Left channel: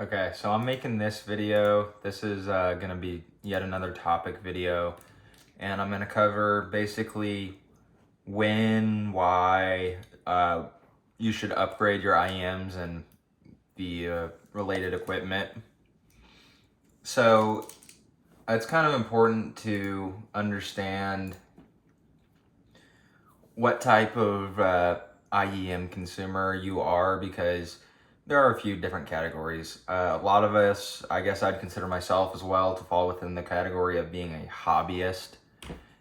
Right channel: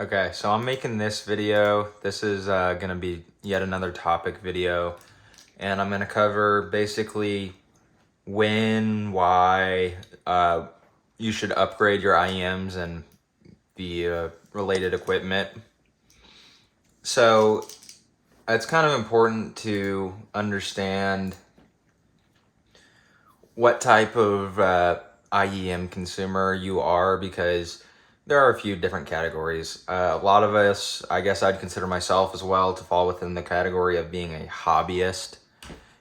Okay, so I'm making this video. This is gonna be yet another topic video, and I'm gonna cover basically when, why you should upgrade your IEMs and the related equipment. So it's kind of important to understand what type of IEM consumer you are, because there are a few different categories. A lot of us, I guess I'd consider myself as well to fall within the category of being a hobbyist.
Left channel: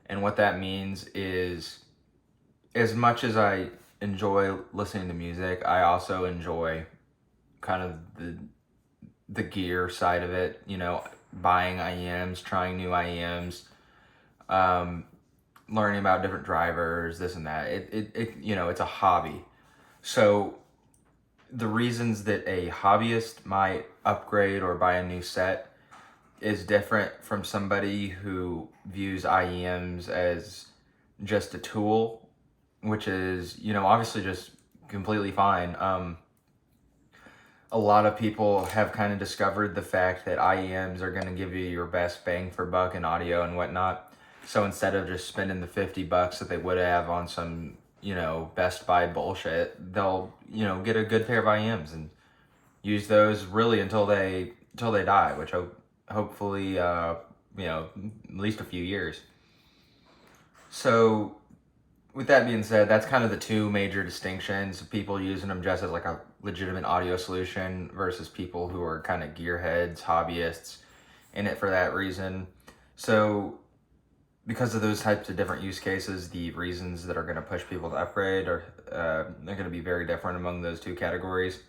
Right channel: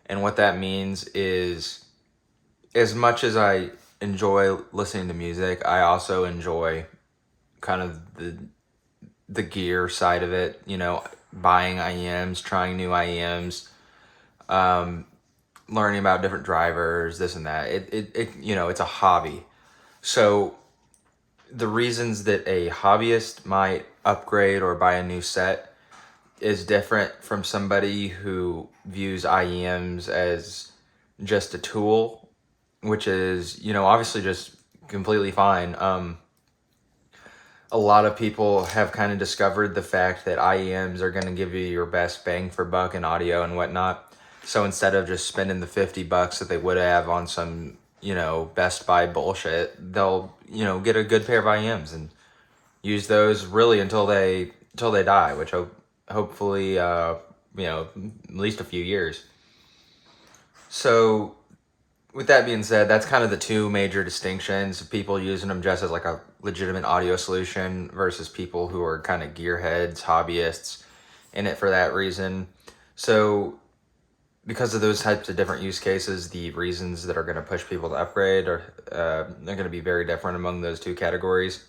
And what that means is, as much as I enjoy listening to music, I also enjoy kind of the gear side of it, buying IEMs, trying new IEMs, um, learning about different drivers, this and that. It's a hobby. So the reasons that a hobbyist might upgrade or buy a new set is different from somebody who views IEMs as just a tool, which is, obviously just completely fine. A lot of people have kind of discovered the fact that IEMs are going to give you your best bang for buck in audio and whatnot. So instead of just spending the $50 that they would have on some, Best Buy bullshit, they'll, get a good pair of IEMs and use those really until they die, which hopefully, at least a few years. So with that being said, that's kind of the two major distinctions: people using them just as like a legitimate audio solution versus people who are kind of gearheads, hobbyists, in it for that reason. So because of those types of different use cases, the reasons that are going to push people to upgrade are they're going to be very different among those two categories.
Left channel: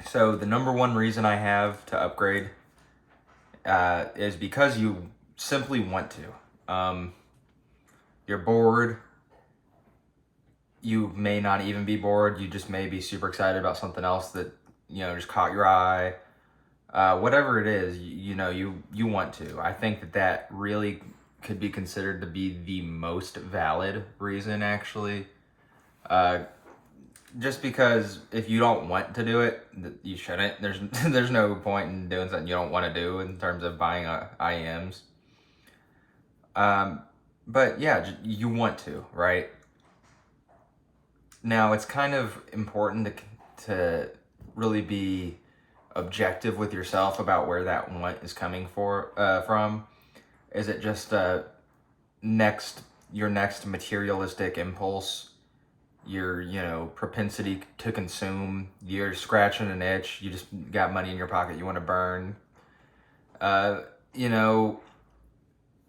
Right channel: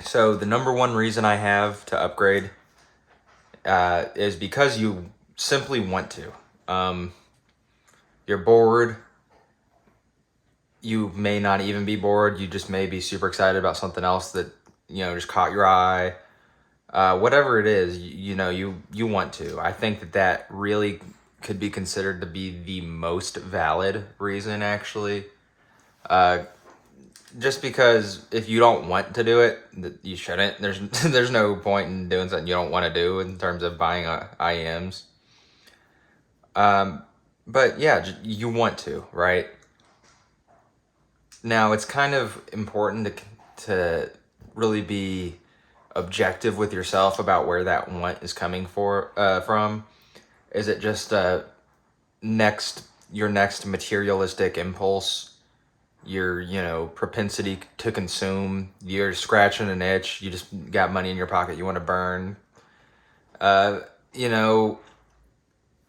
So the number one reason I have to upgrade is because you simply want to. You're bored. You may not even be bored. You just may be super excited about something else that, just caught your eye. Whatever it is, you want to. I think that really could be considered to be the most valid reason, actually. Just because if you don't want to do it, you shouldn't. There's no point in doing something you don't want to do in terms of buying IEMs. But yeah, you want to, right? Now it's kind of important to really be objective with yourself about where that want is coming from. Is it just your next materialistic impulse, your propensity to consume, you're scratching an itch, you just got money in your pocket you want to burn? uh you know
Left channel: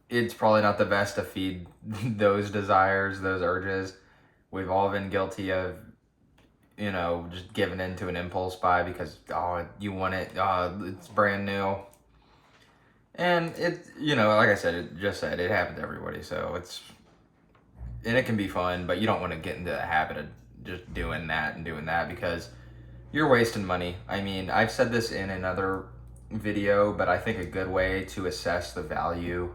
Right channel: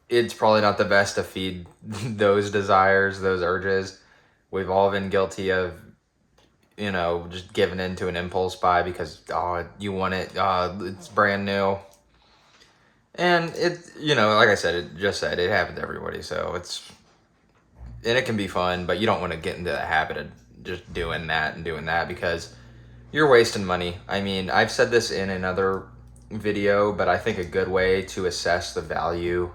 it's probably not the best to feed those desires, those urges. We've all been guilty of just giving in to an impulse buy because you want it, it's brand new. And it, like I said, it happens to everybody. So it can be fun, but you don't want to get into the habit of just doing that and doing that, because you're wasting money. I mean, I've said this in another video, but I think a good way to assess the value,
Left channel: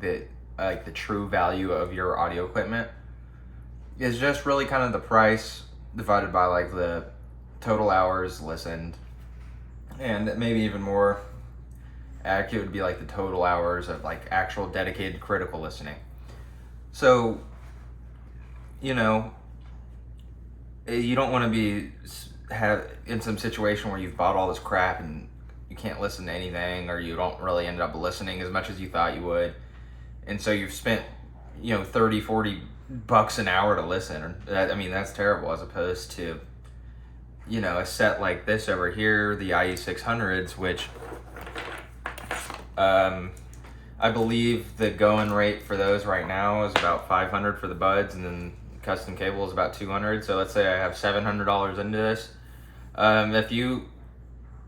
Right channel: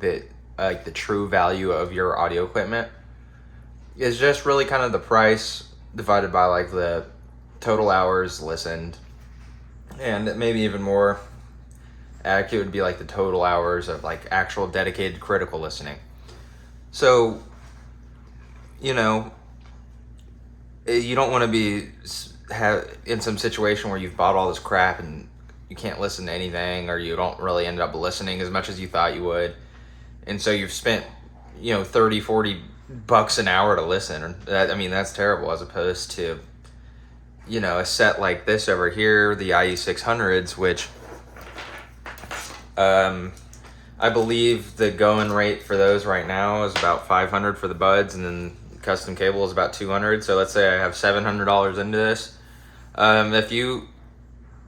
like the true value of your audio equipment, is just really kind of the price divided by like the total hours listened, and maybe even more accurate would be like the total hours of like actual dedicated critical listening. So, you know, you don't want to be in some situation where you've bought all this crap and you can't listen to anything, or you don't really end up listening as much as you thought you would, and so you've spent 30-40 bucks an hour to listen. That's terrible, as opposed to a set like this over here, the IE600s, which I believe the going rate for those right now is about $500 for the buds, and then custom cable is about $200. So let's say I have $700 into this.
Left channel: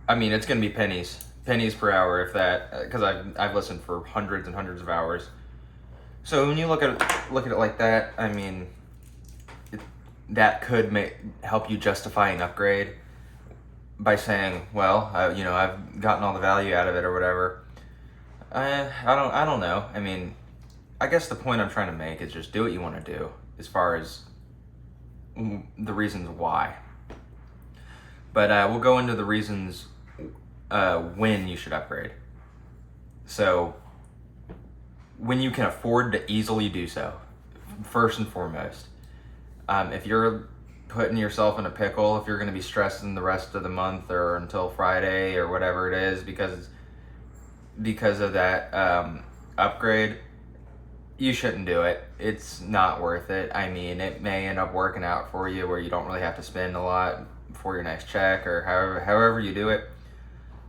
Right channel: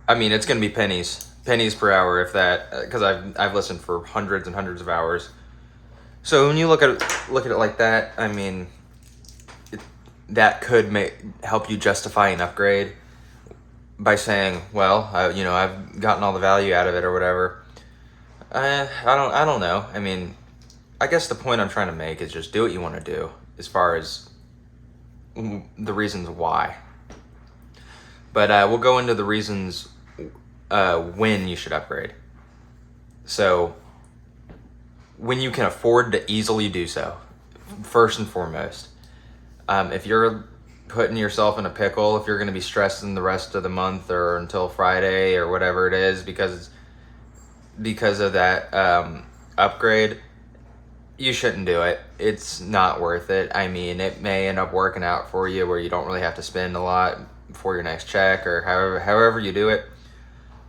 It's gonna be pennies per hour, if that, because I've listened for hundreds and hundreds of hours. So when you look at it like that, that could help you justify an upgrade by saying, well, I've gotten all the value out of it or whatever. I don't know. I guess the point I'm trying to make is just do what you want to do as far as the reasons why. But we'll go into the reasons when you should upgrade. So when you can afford to easily do so, first and foremost. If you're putting yourself in a pickle, if you're going to be stressing the rest of the month or until Friday or whatever it is because of that upgrade, you shouldn't do it. It's not worth it. I mean, it may end up working out for you where you don't really have to spend a lot for your next check or however you do it.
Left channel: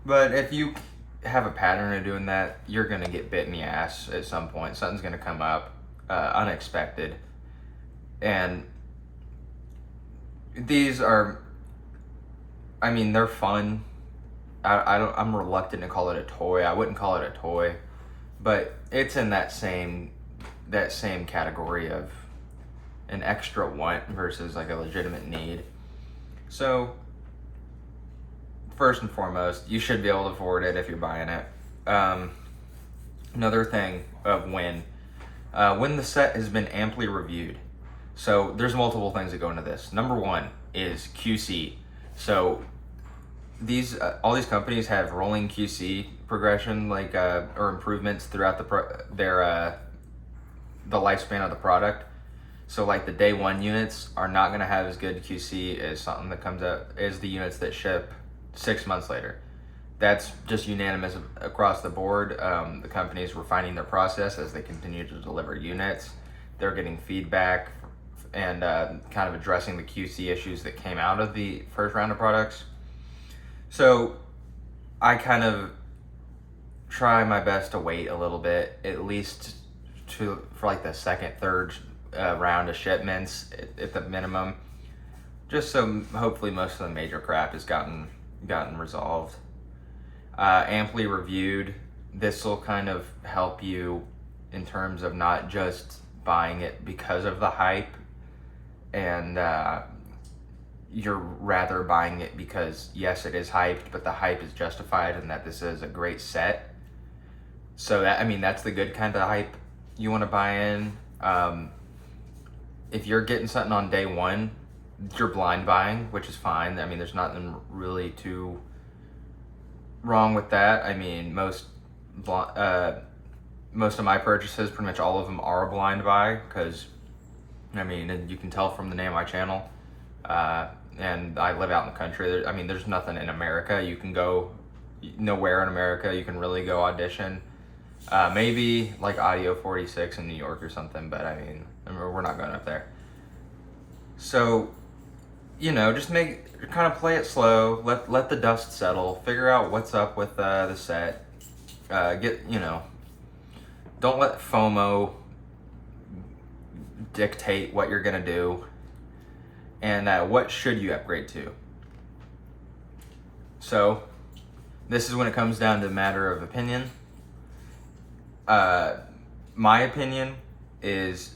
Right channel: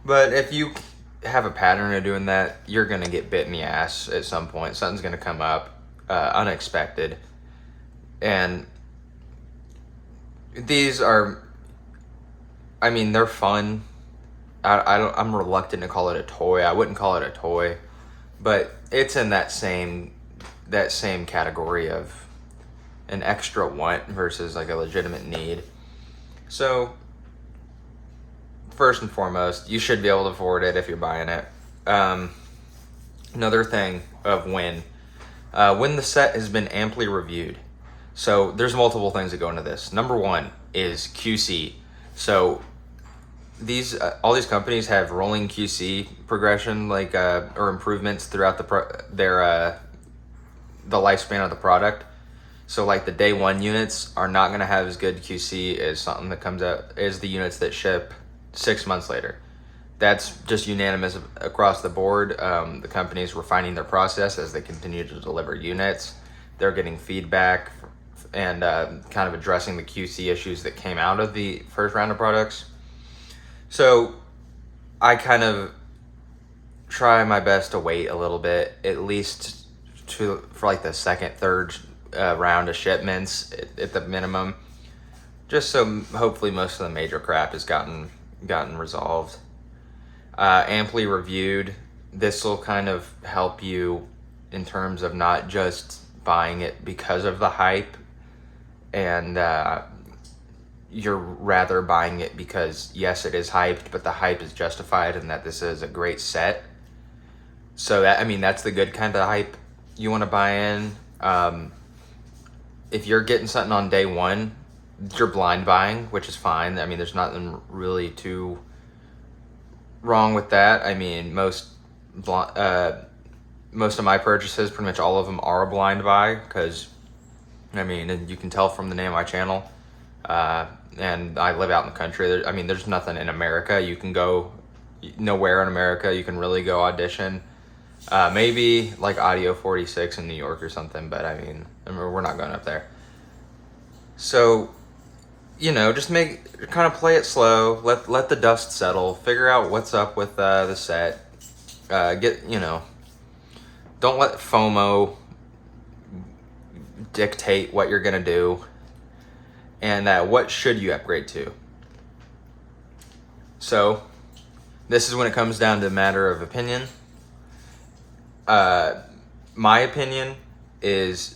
But if you have a pattern of doing that, you're going to get bit in the ass at some point. Something's going to come up unexpected. And these are, I mean, they're fun. I'm reluctant to call it a toy. I wouldn't call it a toy, but it's in that same category of an extra want versus like a legitimate need. So first and foremost, you should be able to afford it if you're buying it. Another thing of when the set has been amply reviewed. So there's multiple things that go into this. Number one is QC. So all these companies have rolling QC progression, like or improvements throughout the lifespan of the product. So like the day one units are not going to have as good QC as something that comes out as the units that ship 6 months later. That's just unanimous across the board. The companies refining their process as they continue to deliver units. They're getting feedback and kind of addressing the QC issues that came out of the first round of products. So I kind of try my best to wait a little bit, at least for like the second, third round of shipments at the minimum, just so hopefully most of the major crap has gotten resolved. Amply reviewed. This will kind of help you in terms of not just buying it because of the hype, and you're rather buying it because yes, it is hyped, but the hype is justified and that this is a great set. So that's the good kind of hype you want to buy in. If you're getting something on day one, you're blind buying, which is fine. I mean, there's nothing really too wrong with that. I mean, most of my purchases, pretty much all of them, are a blind buy because, I mean, and you can tell from the name of my channel, and I live out in the country. There's nothing in America. You can go nowhere in America. You can really go audition. Maybe like Audio 46 in New York or something, but we're not going up there. So, just kind of play it slow. Let the dust settle. Figure out what's up with the set. Don't let FOMO dictate what you're gonna do. And what should you upgrade to? So, this is when it comes down to a matter of opinion. My opinion is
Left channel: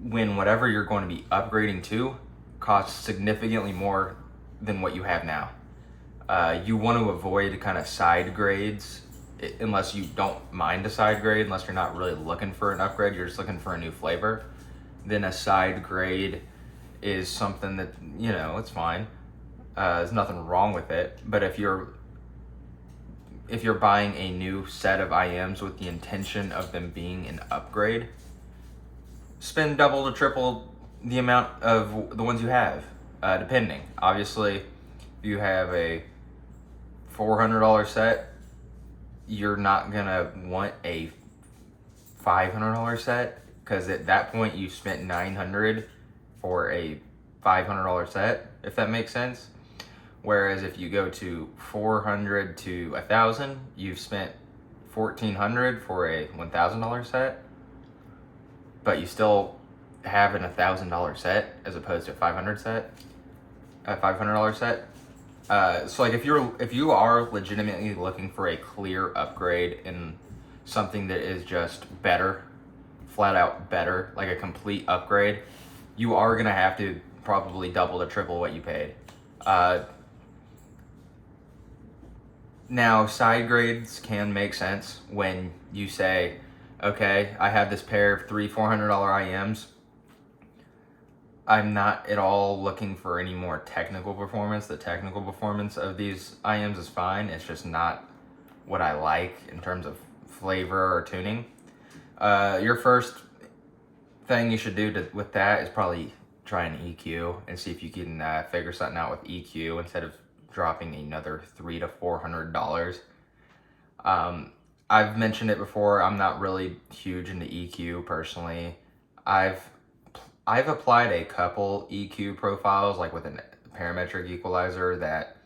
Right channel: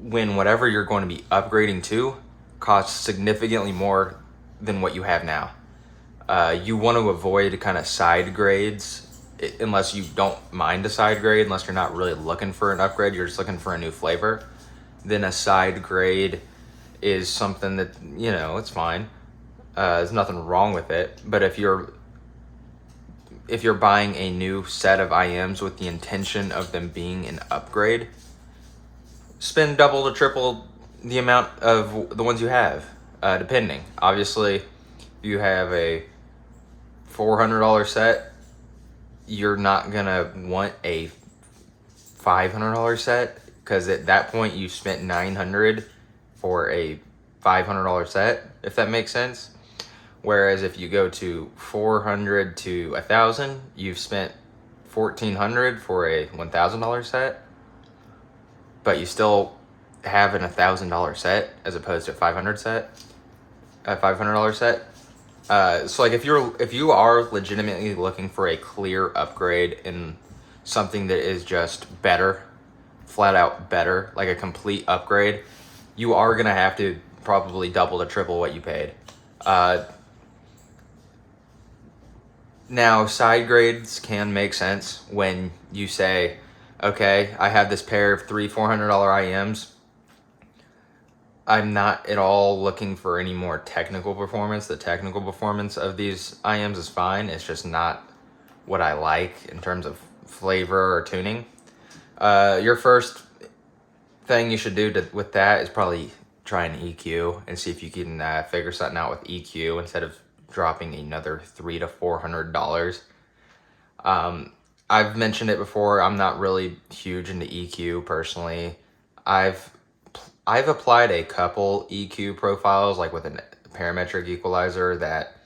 when whatever you're going to be upgrading to costs significantly more than what you have now. You want to avoid kind of side grades, unless you don't mind a side grade, unless you're not really looking for an upgrade, you're just looking for a new flavor. Then a side grade is something that, it's fine. There's nothing wrong with it. But if you're buying a new set of IEMs with the intention of them being an upgrade, spend double to triple the amount of the ones you have, depending. Obviously, if you have a $400 set, you're not gonna want a $500 set, because at that point you spent $900 for a $500 set, if that makes sense. Whereas if you go to $400 to $1,000, you've spent $1,400 for a $1,000 set, but you still have an $1,000 set as opposed to a $500 set, a $500 set. So like if you are legitimately looking for a clear upgrade in something that is just better, flat out better, like a complete upgrade, you are gonna have to probably double to triple what you paid. Now, side grades can make sense when you say, okay, I have this pair of $300-$400 IEMs. I'm not at all looking for any more technical performance. The technical performance of these IEMs is fine. It's just not what I like in terms of flavor or tuning. Your first thing you should do with that is probably try an EQ and see if you can figure something out with EQ instead of dropping another $300 to $400. I've mentioned it before. I'm not really huge into EQ personally. I've I've applied a couple EQ profiles, like with a parametric equalizer, that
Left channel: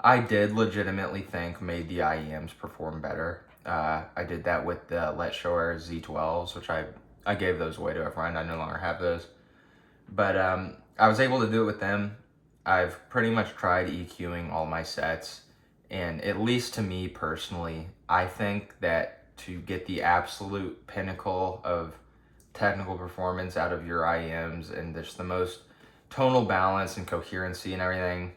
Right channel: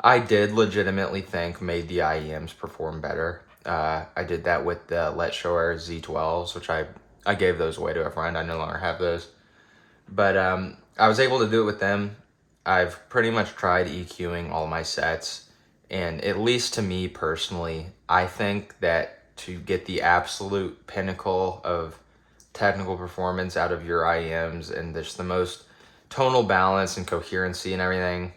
I did legitimately think made the IEMs perform better. I did that with the Let's Shower Z12s, which I gave those away to a friend. I no longer have those. But I was able to do it with them. I've pretty much tried EQing all my sets. And at least to me personally, I think that to get the absolute pinnacle of technical performance out of your IEMs and just the most tonal balance and coherency and everything,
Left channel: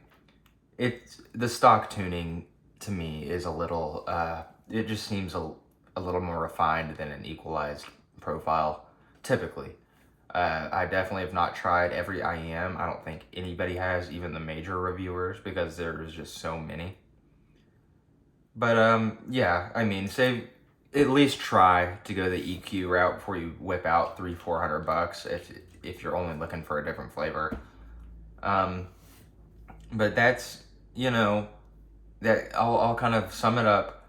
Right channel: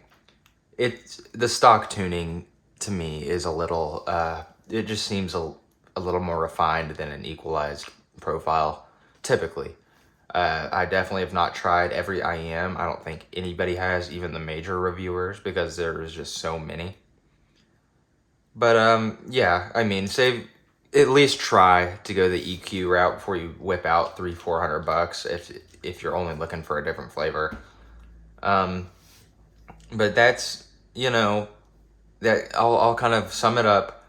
it's the stock tuning to me is a little it just seems a little more refined than an equalized profile typically. I definitely have not tried every IEM. I don't think anybody has, even the major reviewers, because there's just so many. But yeah, I mean, save at least try to go the EQ route before you whip out $300-400 if you're only looking for a different flavor. But that's, you know, that I'll kind of sum it up.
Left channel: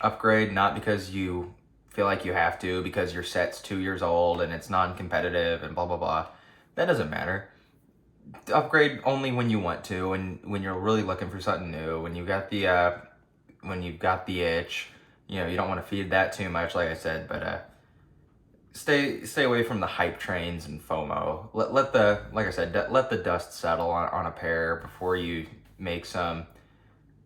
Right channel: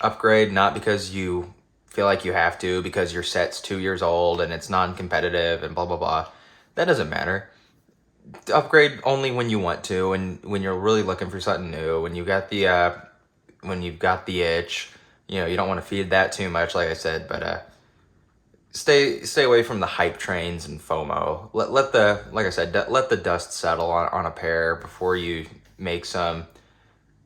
Upgrade not because you feel like you have to, because your set's 2 years old and it's non-competitive and blah blah blah. That doesn't matter. Upgrade only when you want to, and when you're really looking for something new. When you've got the itch, you know, you don't want to feed that too much, like I said. But stay away from the hype trains and FOMO. Let the like I said, let the dust settle on a pair before you make some,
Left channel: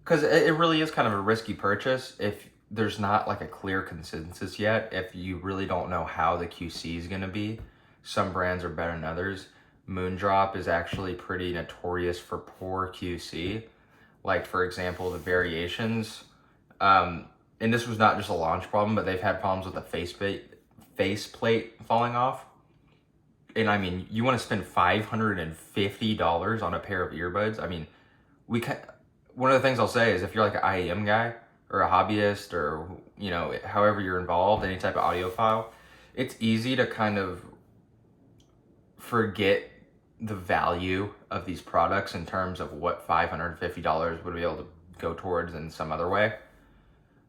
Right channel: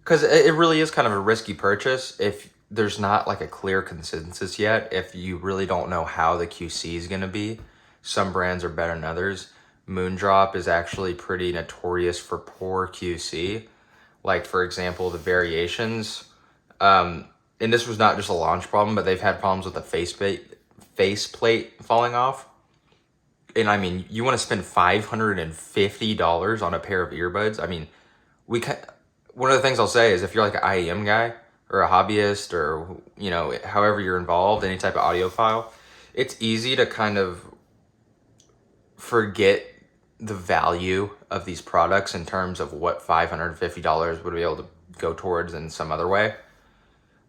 because it really is kind of a risky purchase if there's not like a clear consensus yet. If you really don't know how the QC is going to be, some brands are better than others. Moondrop is actually pretty notorious for poor QC. Like, for example, the variations. And this was not just a launch problem, but they've had problems with the faceplate falling off. And I mean, you want to spend $550 on a pair of earbuds? I mean, one of the things I'll say is, if you're like an IEM guy or a hobbyist, or, you know, however you're involved, any type of audiophile, it's easy to kind of forget the value of these products in terms of what $550 would be able to go towards in some other way.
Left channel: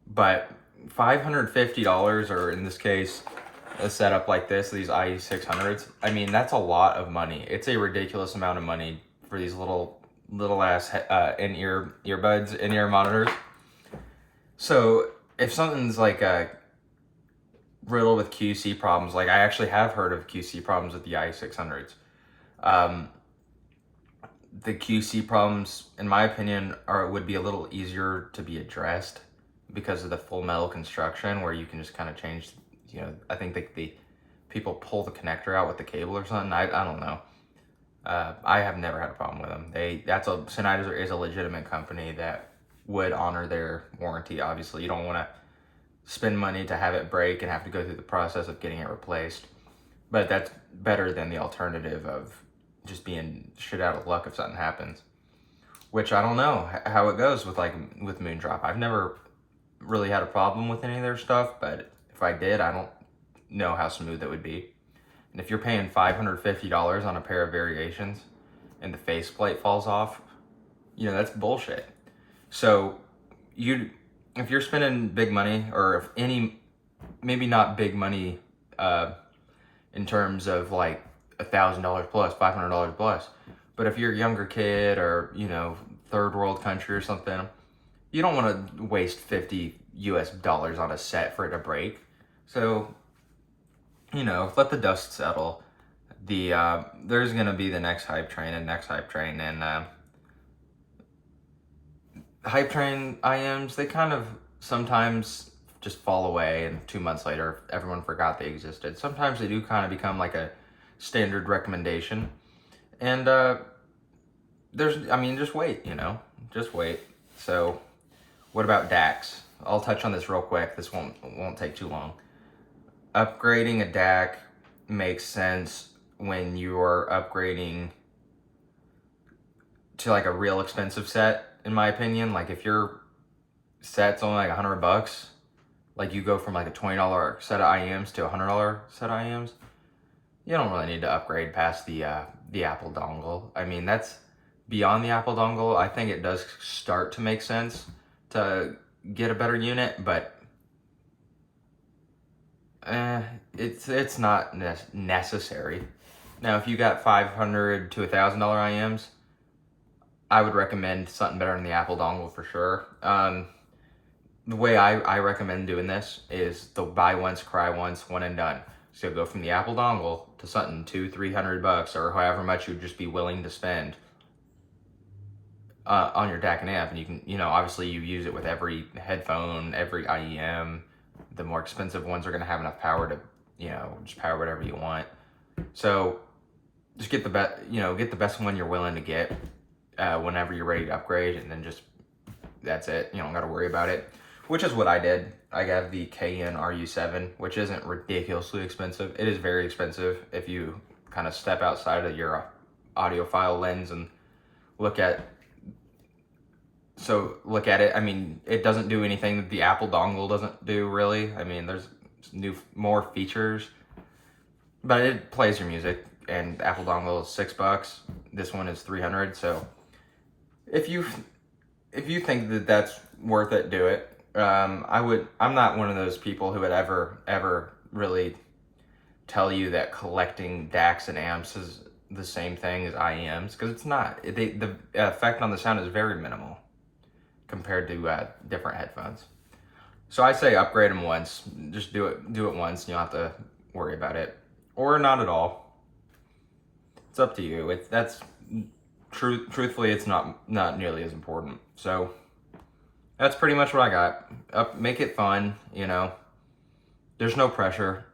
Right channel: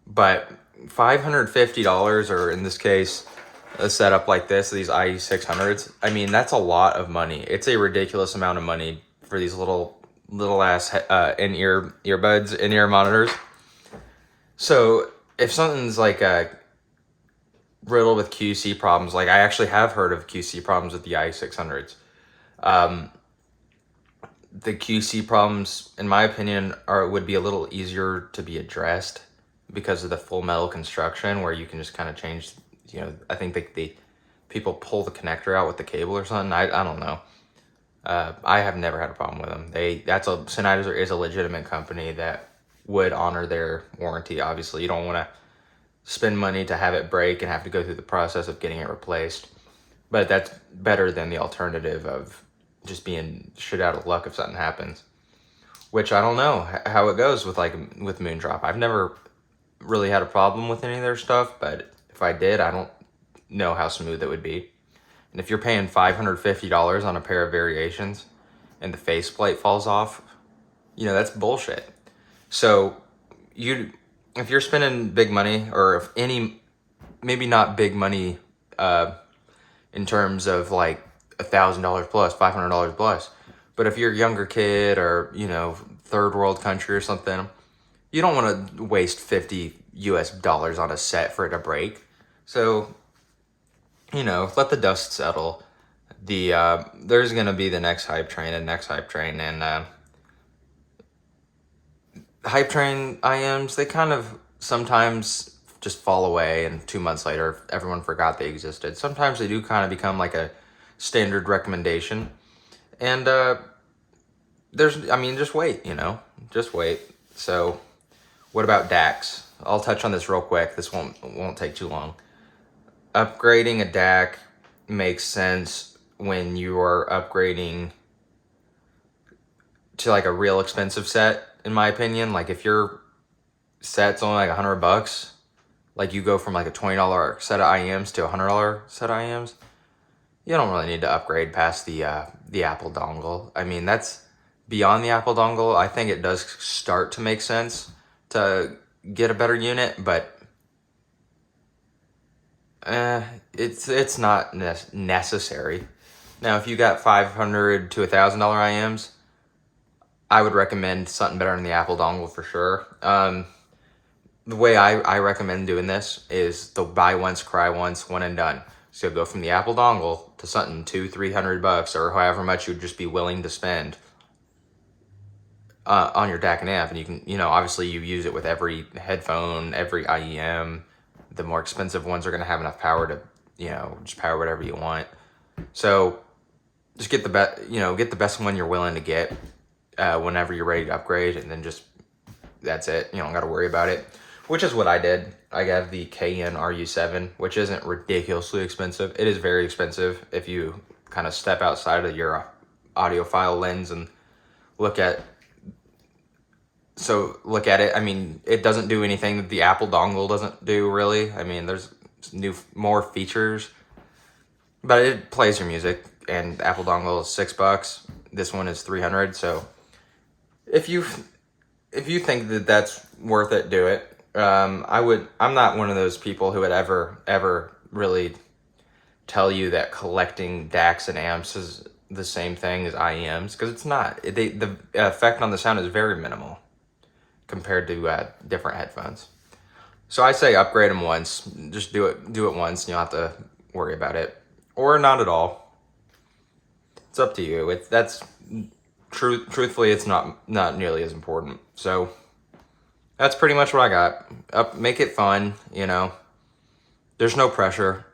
But $550, or in this case, a setup like this, these IE600s, I mean, that's a lot of money. It's a ridiculous amount of money for these little ass earbuds, in-ear monitors. So if something's like riddled with QC problems, like I actually have heard of QC problems with the IE600s. The QC problems, in my opinion, would be a little easier to be addressed because of the full metal construction, where you can just kind of change. You know, I think the people pull the connector out with the cable or something. I don't know. I have never had a problem with them. Sennheiser is a legitimate company that would honor their warranty. Obviously, you don't want to spend money to have it break and have to go through the process of getting it replaced. But that's better than the alternative of just being shit out of luck if something happens. Which I don't know how it goes with Moondrop. I've never really had a problem with any of their stuff, but if I did, I don't know how smooth it would be. And if you're paying $550 on a pair of variations and the faceplate falls off, you know, that's bullshit. So if you're spending big money, or if maybe not big money in terms of like $1,000 plus, $500 plus, but if you're a younger kid, or, you know, third world country or something, you don't want to waste $50 on a set for it to break. So, you know, let the dust settle. There's gonna be the next hype train, and hype train IMs, they kind of sometimes just fall away, and 2 months later everyone forgot they existed. Sometimes they do kind of become like a standard recommendation, and just wait, just wait. So what about DACs? I'll touch on this real quick. This won't take too long. Upgrading a DAC makes sense when you are upgrading to like a real expensive set, in my opinion. Like if your set's only like $100, like you go from like a $20 set of IEMs to a $100 set of IEMs, you don't really need to upgrade past the Apple dongle. I mean, that's beyond the Apple dongle. I think it does start to make sense to get a better unit, but it's not necessary. Now, if you got $500 to $1,000 IEMs, I would recommend something better than the Apple dongle for sure. The way I recommend doing this is the buy once, cry once, one and done. So go from the Apple dongle to something $200-300 or however much you'd just be willing to spend on your DAC and amp, and you can, obviously you use it with every headphone, every IEM. The more expensive ones are going to have enough power to, just power whatever you want. So just get the best one you're willing to get whenever you're ready to upgrade, and then just that's it. You don't got to worry about it, which is what I did. I got the KN RU7, which isn't ridiculously expensive. It is very expensive if you kind of step outside of your audiophile lens and look at it. I mean, it doesn't do anything that the Apple dongle doesn't do, really. I mean, there's more features, but it plays your music, and the Apple dongle is $6. This one is $300. So if you think that that's worth it, do it. I'm not one of those people who would ever really tell you that collecting DACs and amps is the same thing as IEMs, because it's not. The effect on the sound is very minimal compared to different headphones. So I say upgrade them once. Just do it once, and you'll have to worry about it, or not at all. It's up to you. Truthfully, it's not nearly as important. So that's pretty much what I got. Make it fun, There's no pressure.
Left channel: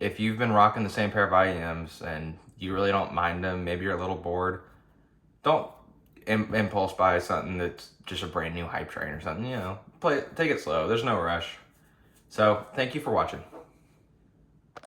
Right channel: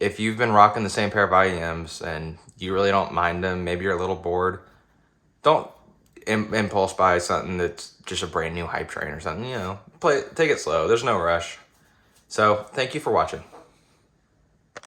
If you've been rocking the same pair of IEMs and you really don't mind them, maybe you're a little bored, don't impulse buy something that's just a brand new hype train or something, take it slow. There's no rush. So thank you for watching.